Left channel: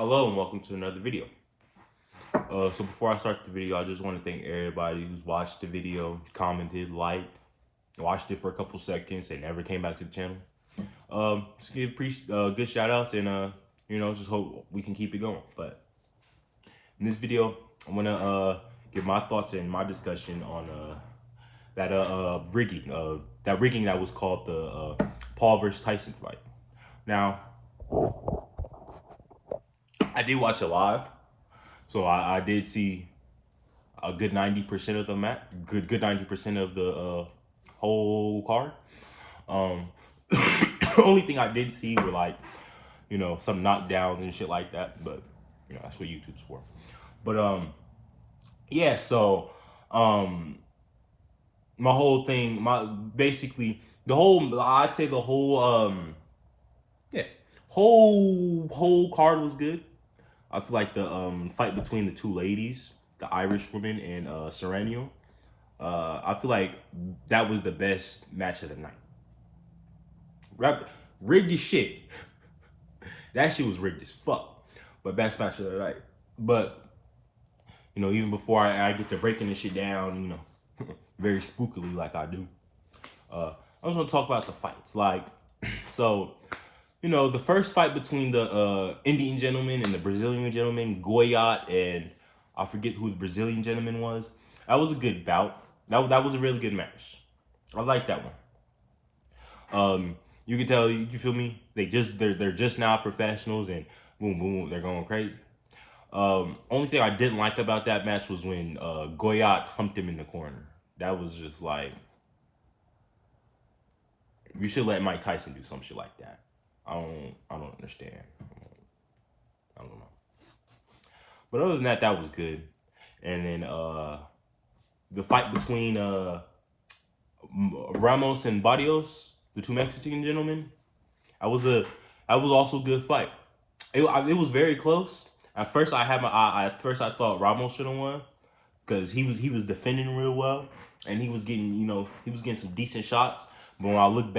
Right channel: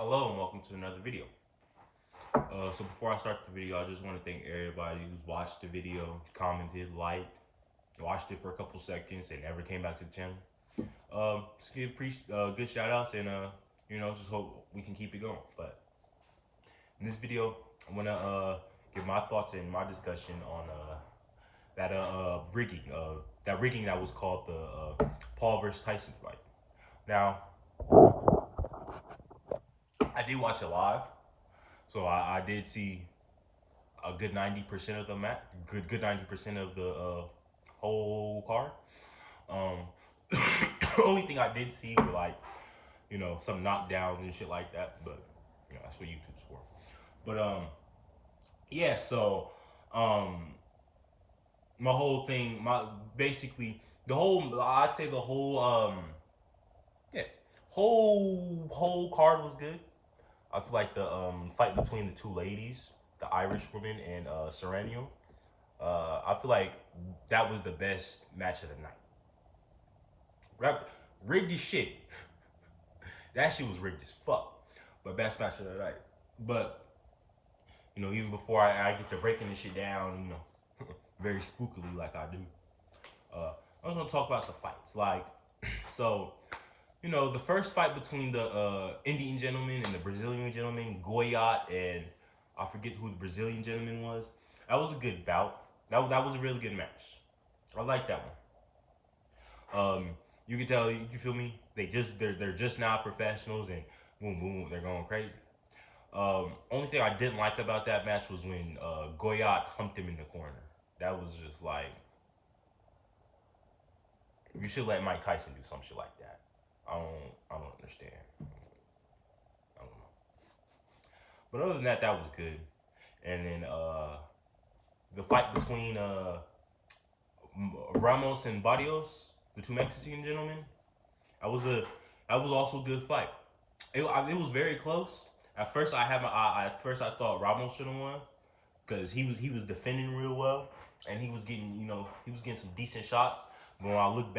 Hello and welcome to another video. So before I start the video, I just want to thank everybody who's watched the video, commented, liked, watched it for a couple seconds, and never came back to the channel. Just give good shout outs and just hope we can keep it going. But in this video, I'm gonna give my thoughts and my discussion on that rigging that was called the Paul versus Tyson fight. Now, I did watch it live, so I did see a good 90% of the match, good 90% of the whole card. Um, only thing I didn't see were like, some knockdowns and shit like that. But that's what YouTube's for. But yeah. So my whole thing, basically the whole, I'd say the whole yeah, whole card was good. I feel like the fight between the two ladies, the Irish woman and Serrano, I feel like that was the best match of the night. Rigged as shit. That shit was rigged as fuck. But best match of the night. But, even before I get to breaking this shit down, very spookily like I do, I was gonna talk about the fights. Like, so, the first fight between the Indian gentleman and the Brazilian gentleman, Goyat, and I forget who the Brazilian gentleman was. That was a good bout. That was a really good match. I like that one. You can tell, you feel me? They're just now professionals, and boom, boom, they're going crazy. Only thing I didn't like about that match was when Goyat humped him in the corner. That was just like, you should let Mike Tyson do some shit like that. I don't understand. I don't know. But other than that, that was good. And then the fight between Ramos and Barrios, the two Mexican gentlemen, that was also a good fight. It was very close. At first, I thought Ramos should have won because he was defending real well and he was getting some decent shots. But when I look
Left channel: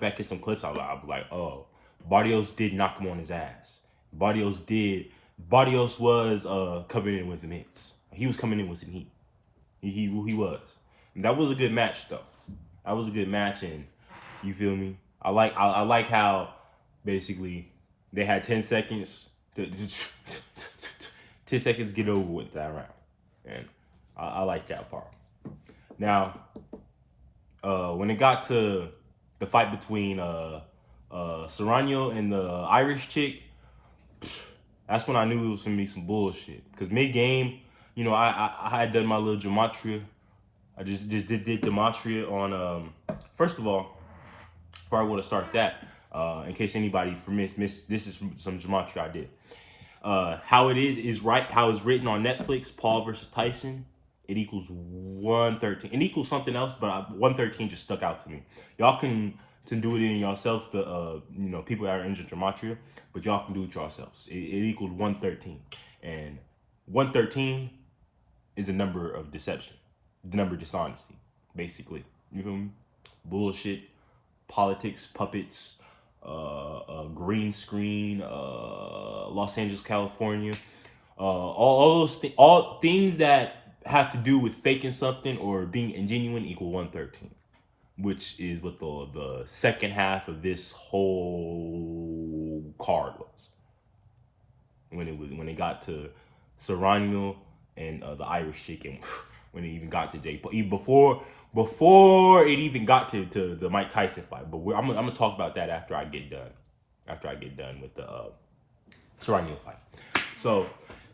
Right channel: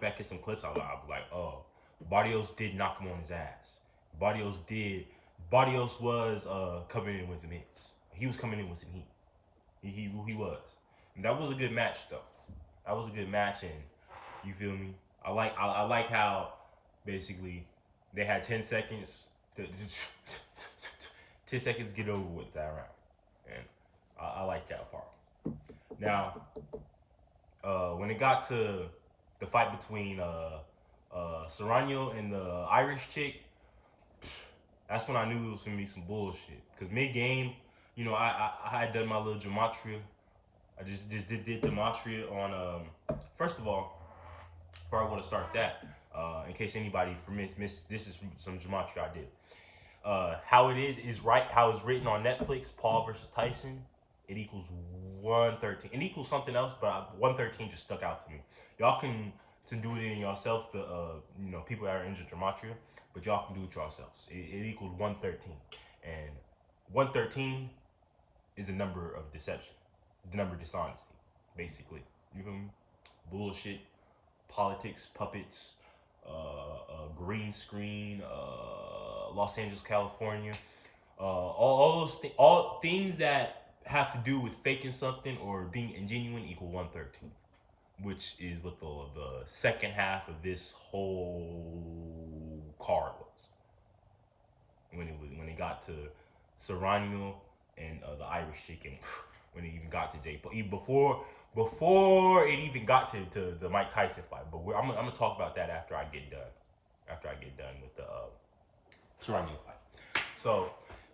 back at some clips, I'll be like, oh, Barrios did knock him on his ass. Barrios was coming in with the mitts. He was coming in with some heat. He was. And that was a good match though. That was a good match, and you feel me? I like how basically they had 10 seconds to 10 seconds to get over with that round, and I like that part. Now, when it got to the fight between Serrano and the Irish chick, that's when I knew it was gonna be some bullshit. Cause mid-game, I had done my little gematria. I just did gematria on first of all, before I want to start that, in case anybody missed, this is some gematria I did. How it is right, how it's written on Netflix, Paul versus Tyson, it equals 113. It equals something else, but 113 just stuck out to me. Y'all can do it in yourselves, the people that are in gematria, but y'all can do it yourselves. It equals 113, and 113 is a number of deception, the number of dishonesty, basically. You feel me? Bullshit, politics, puppets, green screen, Los Angeles, California, all things that have to do with faking something or being ingenuine equal 113, which is what the second half of this whole card was. When it got to Serrano and the Irish chicken, when it even got to Jay Paul, even before it even got to the Mike Tyson fight. But I'm gonna talk about that after I get done. After I get done with the Serrano fight. So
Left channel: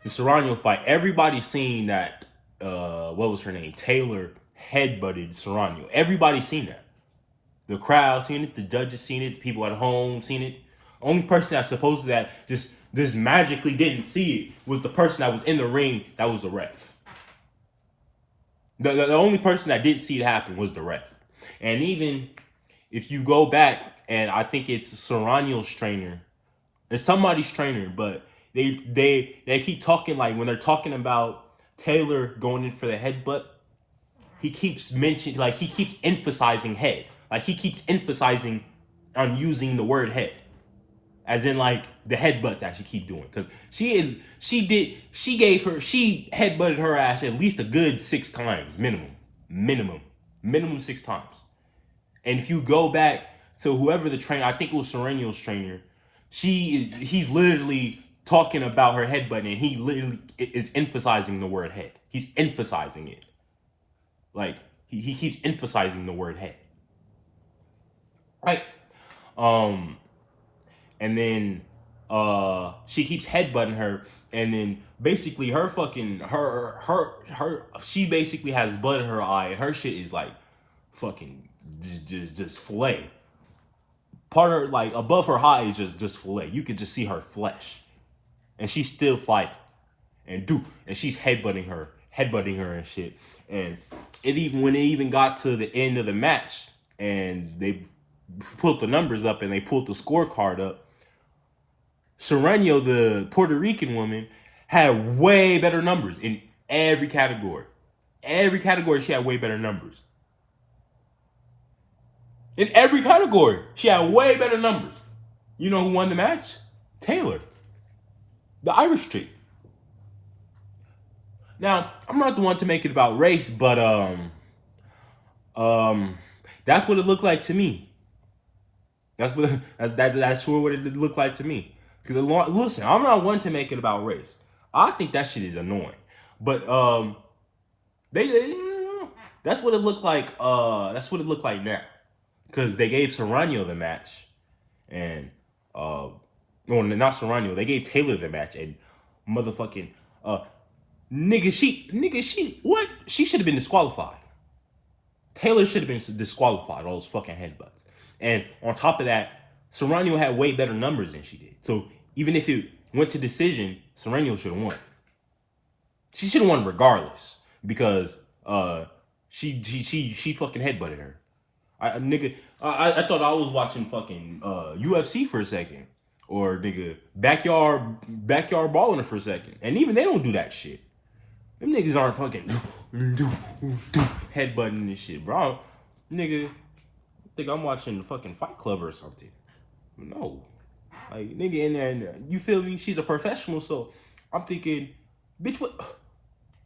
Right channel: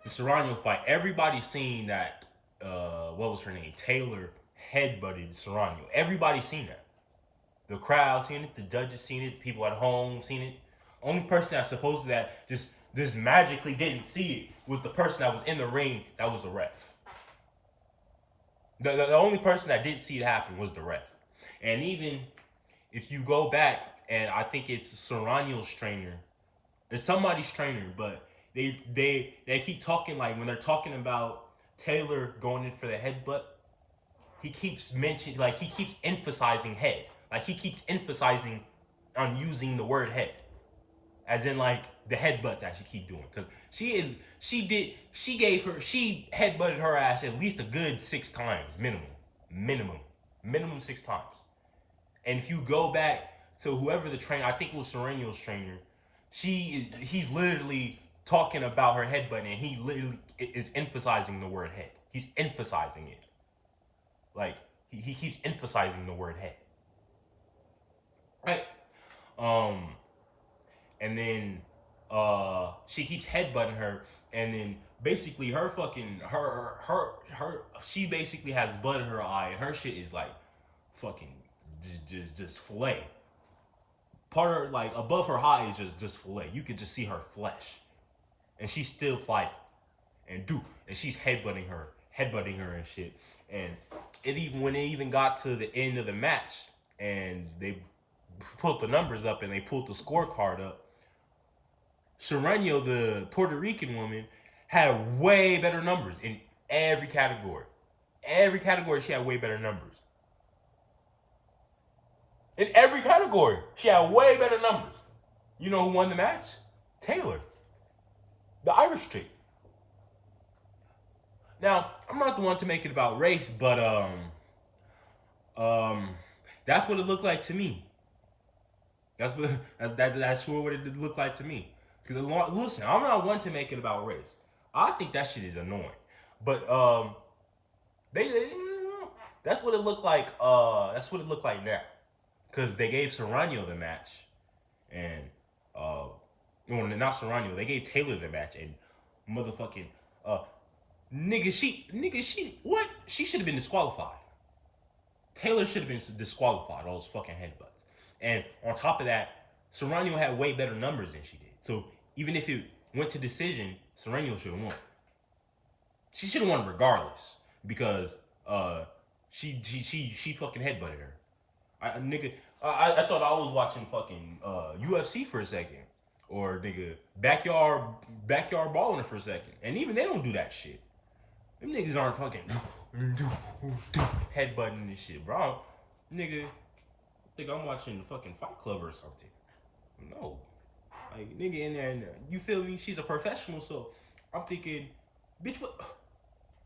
the Serrano fight, everybody's seen that. What was her name? Taylor headbutted Serrano. Everybody's seen that. The crowd seen it. The judges seen it. The people at home seen it. Only person that supposed to that just magically didn't see it was the person that was in the ring. That was the ref. The only person that didn't see it happen was the ref. And even if you go back, and I think it's Serrano's trainer, it's somebody's trainer, but they keep talking, like when they're talking about Taylor going in for the headbutt, he keeps mentioning, like he keeps emphasizing head. Like he keeps emphasizing on using the word head. as in like the headbutt that she keep doing, because she headbutted her ass at least a good 6 times minimum 6 times. And if you go back to whoever the trainer, I think it was Sereno's trainer, he's literally talking about her headbutt, and he literally is emphasizing the word head. He's emphasizing it. Like he keeps emphasizing the word head. Right. Um and then she keeps headbutting her, and then basically her fucking her she basically has blood in her eye, and her shit is like fucking just fillet. Part of her, like above her eye is just fillet. You could just see her flesh, and she's still fighting, and she's headbutting her and shit. And it even when it even got to the end of the match, and they pulled the numbers up and they pulled the scorecard up, Sereno, the Puerto Rican woman, had way better numbers in every category. Every category, she had way better numbers. In every category, she had way better numbers. You know who won the match? Taylor, the Irish chick. Now, I'm not the one to make it about race, but that's what it looked like to me. That's sure what it looked like to me. Because listen, I'm not one to make it about race. I think that shit is annoying. But they that's what it looked like. That's what it looked like now. Because they gave Serrano the match, and no, not Serrano. They gave Taylor the match, and motherfucking she what? She should have been disqualified. Taylor should have been disqualified. All those fucking headbutts. And on top of that, Serrano had way better numbers than she did. So even if it went to decision, Serrano should have won. She should have won regardless, because she fucking headbutted her. I thought I was watching fucking UFC for a second, or nigga backyard balling for a second, and even they don't do that shit. Them niggas aren't fucking headbutting this shit, bro. Nigga, I think I'm watching the fucking Fight Club or something. No, like nigga in there, you feel me? She's a professional, so I'm thinking, bitch, what?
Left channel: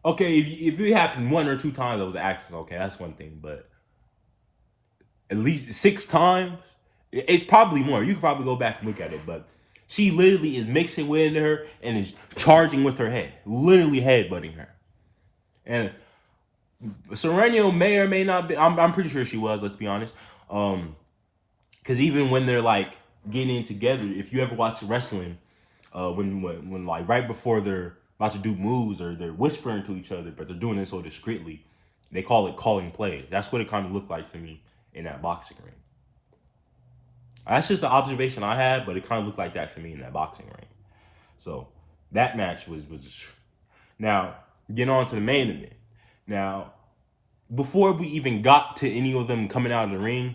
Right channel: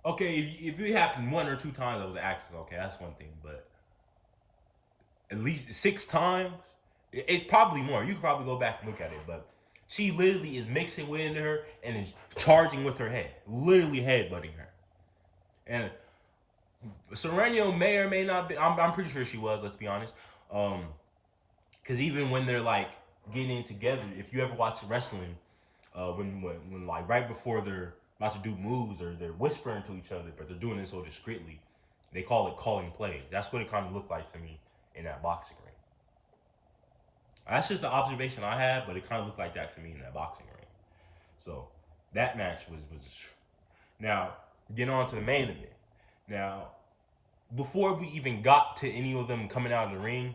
Okay, if it happened 1 or 2 times, that was an accident. Okay, that's one thing, but at least 6 times, it's probably more. You could probably go back and look at it, but she literally is mixing wind into her and is charging with her head, literally headbutting her. And Serrano may or may not be. I'm pretty sure she was. Let's be honest. Because even when they're like getting in together, if you ever watch wrestling, when like right before they're about to do moves, or they're whispering to each other, but they're doing it so discreetly, they call it calling plays. That's what it kind of looked like to me in that boxing ring. That's just an observation I had, but it kind of looked like that to me in that boxing ring. So that match was now getting on to the main event. Now, before we even got to any of them coming out of the ring,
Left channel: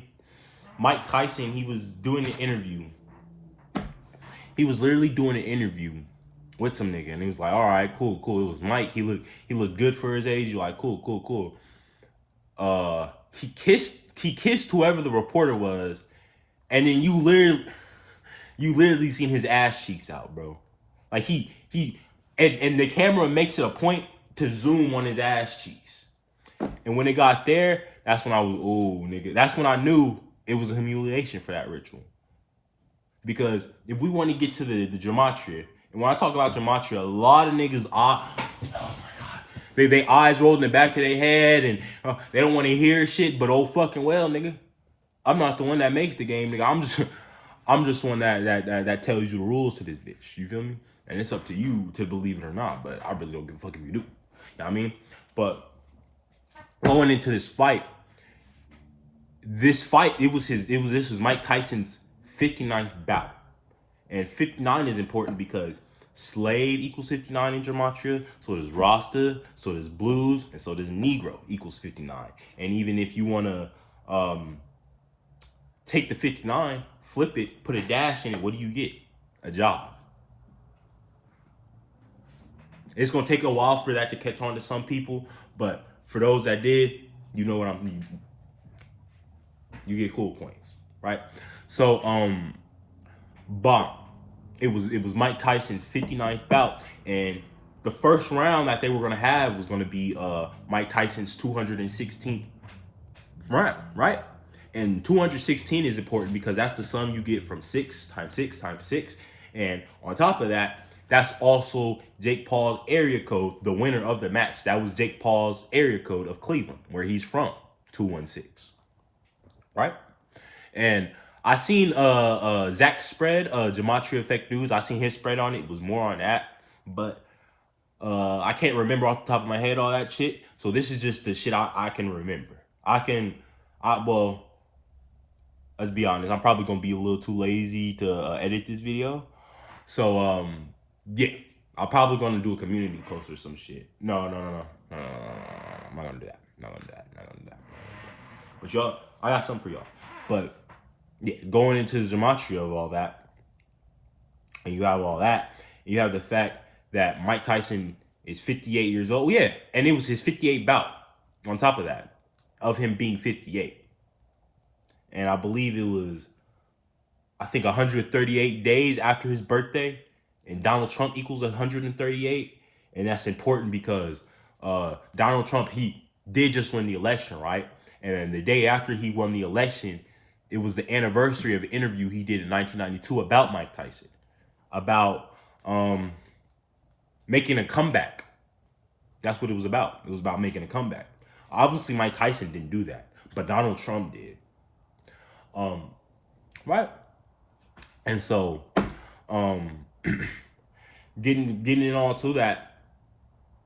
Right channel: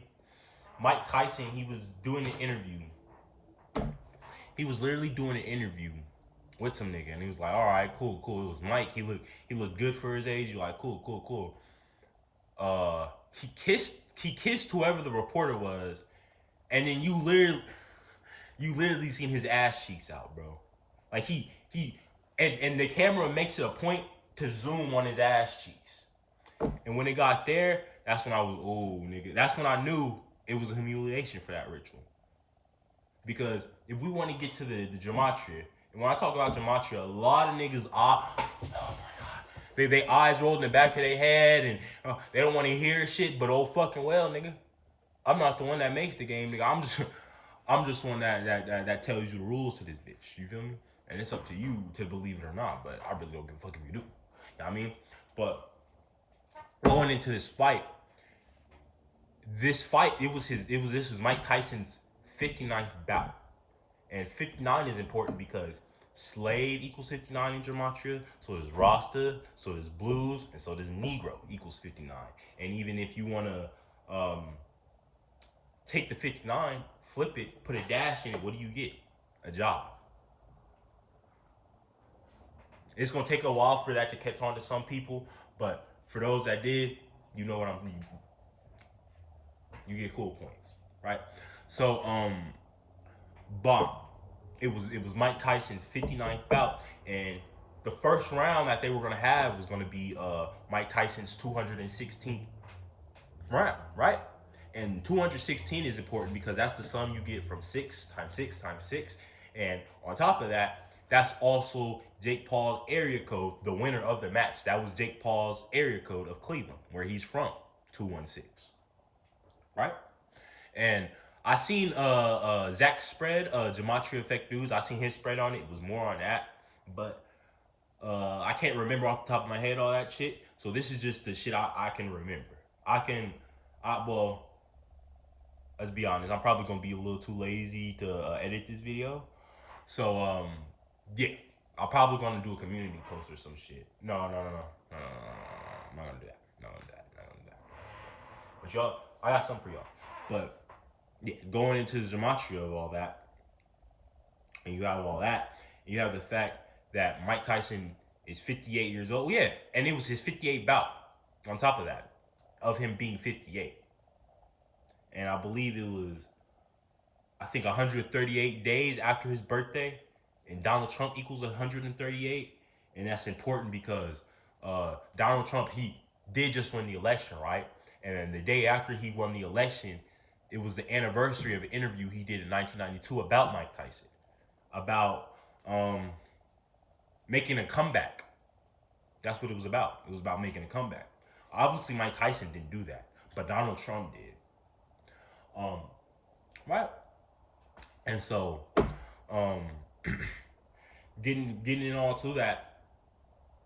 Mike Tyson, he was doing an interview. He was literally doing an interview with some nigga, and he was like, "All right, cool. It was Mike. He looked good for his age." You're like, "Cool." He kissed whoever the reporter was, and then you literally seen his ass cheeks out, bro. Like and the camera makes it a point to zoom on his ass cheeks. And when it got there, that's when I was, oh, nigga. That's when I knew it was a humiliation for that ritual. Because if we want to get to the gematria, and when I talk about gematria, a lot of niggas are, oh my God, they eyes rolled in the back of their head, and they don't want to hear shit, but oh fucking well, nigga. I'm not the one that makes the game, nigga. I'm just one that tells you the rules to this bitch. You feel me? And it's up to you to believe it or not, but I really don't give a fuck if you do. You know what I mean? But going into this fight, this was Mike Tyson's 59th bout. And 59 is important because slave equals 59 in gematria, so does Rasta, so does blues, and so does Negro equals 59. And even if you want to take the 59, flip it, put a dash in it, what do you get? A job. It's going to take a while for that to catch on to some people, but for those that did, you know what you get cool points, right? So, bomb. it was Mike Tyson's 59th bout, and the first round that they were gonna have was gonna be Mike Tyson's 216th round, right? And 216 is important because that's the sum you get from 6 times 6 times 6. And on top of that, that's also Jake Paul's area code, the winner of the match. That was Jake Paul's area code of Cleveland, where he's from, 216. Right? And I seen Zach's spread, Gematria Effect News. I seen his spread on it. It was more on that. But I can't remember off the top of my head all that shit. So this is just the shit I can remember. Well, let's be honest. I'm probably gonna be a little too lazy to edit this video. So yeah, I'm probably gonna do a community post or some shit. No. I'm not gonna do that. Not gonna do that. Not gonna do that. But y'all, I got something for y'all. But yeah, going into the gematria of all that, and you have all that, and you have the fact that Mike Tyson is 58 years old. Yeah, and it was his 58th bout. On top of that, of him being 58, and I believe it was, I think 138 days after his birthday, and Donald Trump equals 138, and that's important because Donald Trump, he did just win the election, right? And then the day after he won the election, it was the anniversary of an interview he did in 1992 about Mike Tyson, about making a comeback. That's what it was about. It was about making a comeback. Obviously, Mike Tyson didn't do that, but Donald Trump did. Right? And so, getting it all to that,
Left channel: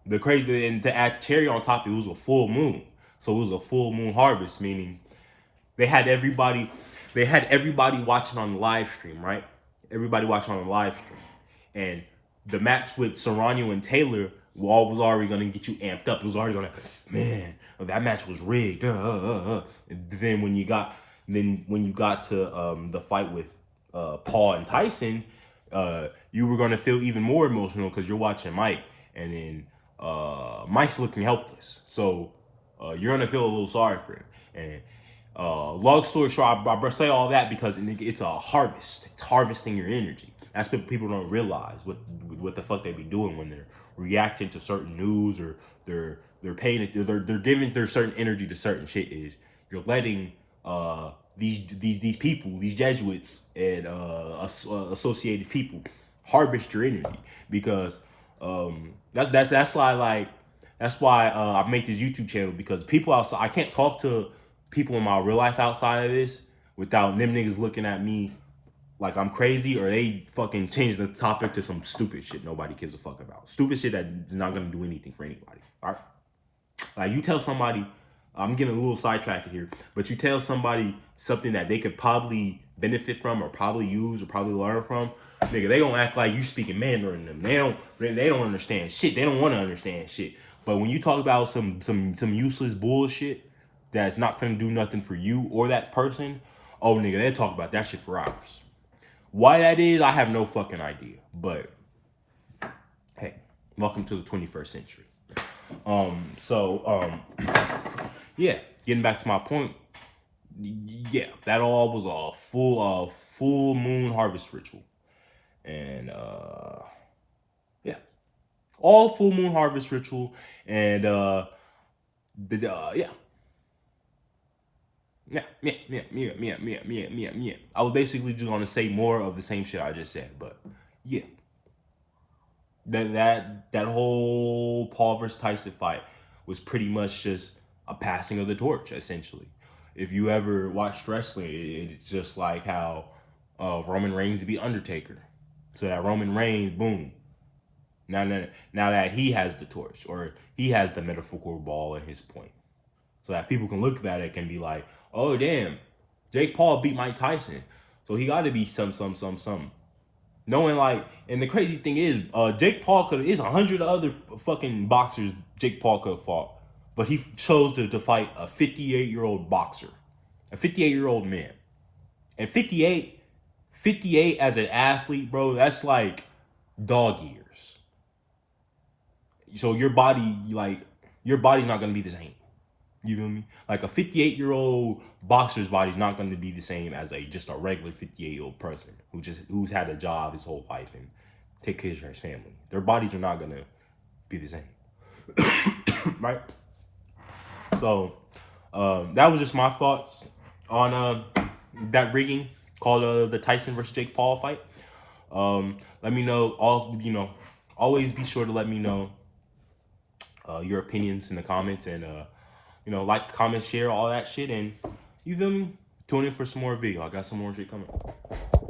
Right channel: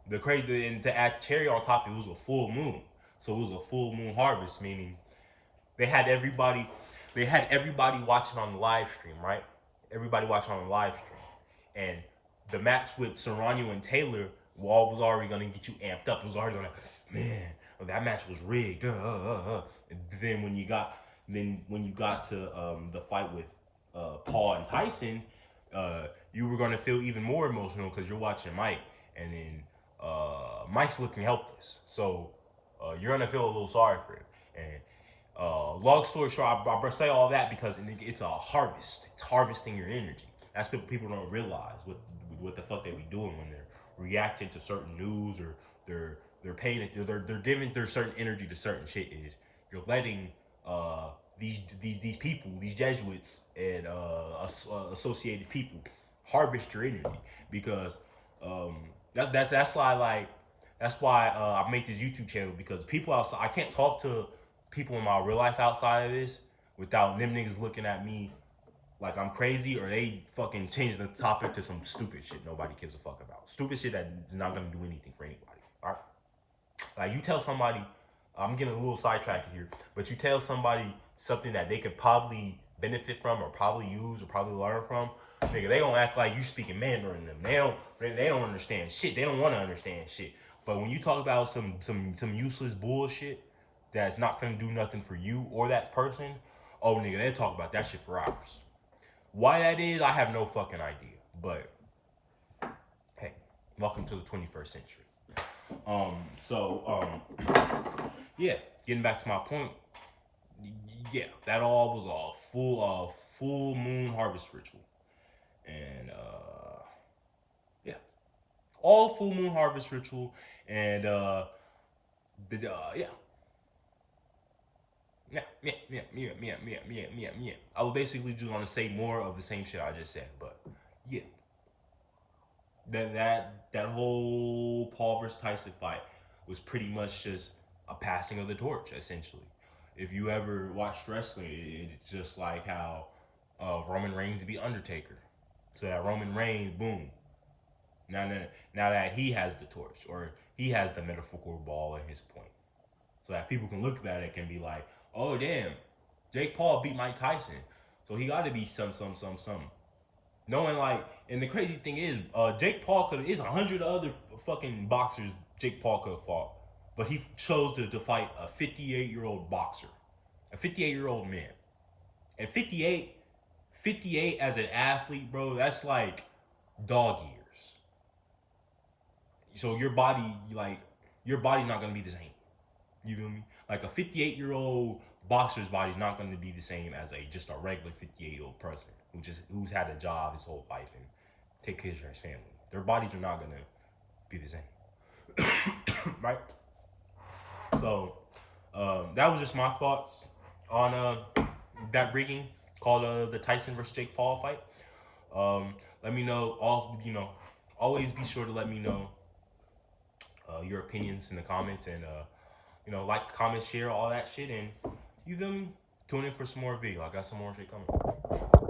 the crazy, and to add cherry on top, it was a full moon. So it was a full moon harvest, meaning they had everybody watching on the live stream, right? Everybody watching on the live stream. And the match with Serrano and Taylor was already gonna get you amped up. It was already gonna, man, that match was rigged. And then when you got to the fight with Paul and Tyson, you were gonna feel even more emotional because you're watching Mike, and then Mike's looking helpless. So you're gonna feel a little sorry for him. And long story short, I say all that because it's a harvest. It's harvesting your energy. That's what people don't realize, what the fuck they be doing when they're reacting to certain news, or they're paying, they're giving their certain energy to certain shit. Is you're letting these people, these Jesuits and associated people harvest your energy, because that's why I make this YouTube channel, because people outside, I can't talk to people in my real life outside of this without them niggas looking at me like I'm crazy, or they fucking change the topic to some stupid shit nobody gives a fuck about. Stupid shit that's not gonna do anything for anybody. All right? Like, you tell somebody, I'm getting a little sidetracked here, but you tell somebody something that they could probably benefit from, or probably use, or probably learn from, nigga, they gonna act like you speaking Mandarin to them. They don't understand shit. They don't want to understand shit. But when you talk about some useless bullshit that's not gonna do nothing for you or that person, oh nigga, they talk about that shit for hours. Why that is, I have no fucking idea. But hey, welcome to the 21st century. Yeah, getting back to my point. Yeah, that all was a full moon harvest ritual, and yeah, all full moon harvest ritual, and yeah. I was basically just gonna say more of the same shit I just said, but yeah, that whole Paul versus Tyson fight was pretty much just a passing of the torch, essentially. If you ever watched wrestling, it's just like how Roman Reigns beat Undertaker. So that Roman Reigns, boom. Now that he has the torch, or he has the metaphorical ball in his point, so that people can look at it and be like, oh damn, Jake Paul beat Mike Tyson, so he got to be some. Knowing, like, and the crazy thing is, Jake Paul is 100 other fucking boxers Jake Paul could have fought, but he chose to fight a 58-year-old boxer, a 58-year-old man, and 58 as an athlete, bro, that's like dog years. So your body's not gonna be the same. You feel me? Like a 58-year-old boxer's body's not going to be the same as just a regular 58-year-old person who's had a job his whole life and take care of his family. Their bodies are not going to be the same, right? So that was just my thoughts on that rigging called the Tyson versus Jake Paul fight. Let me know. Always be sure to let me know your opinions in the comments, and like, comment, share, all that shit, and you feel me? Tune in for some more video. I got some more shit coming.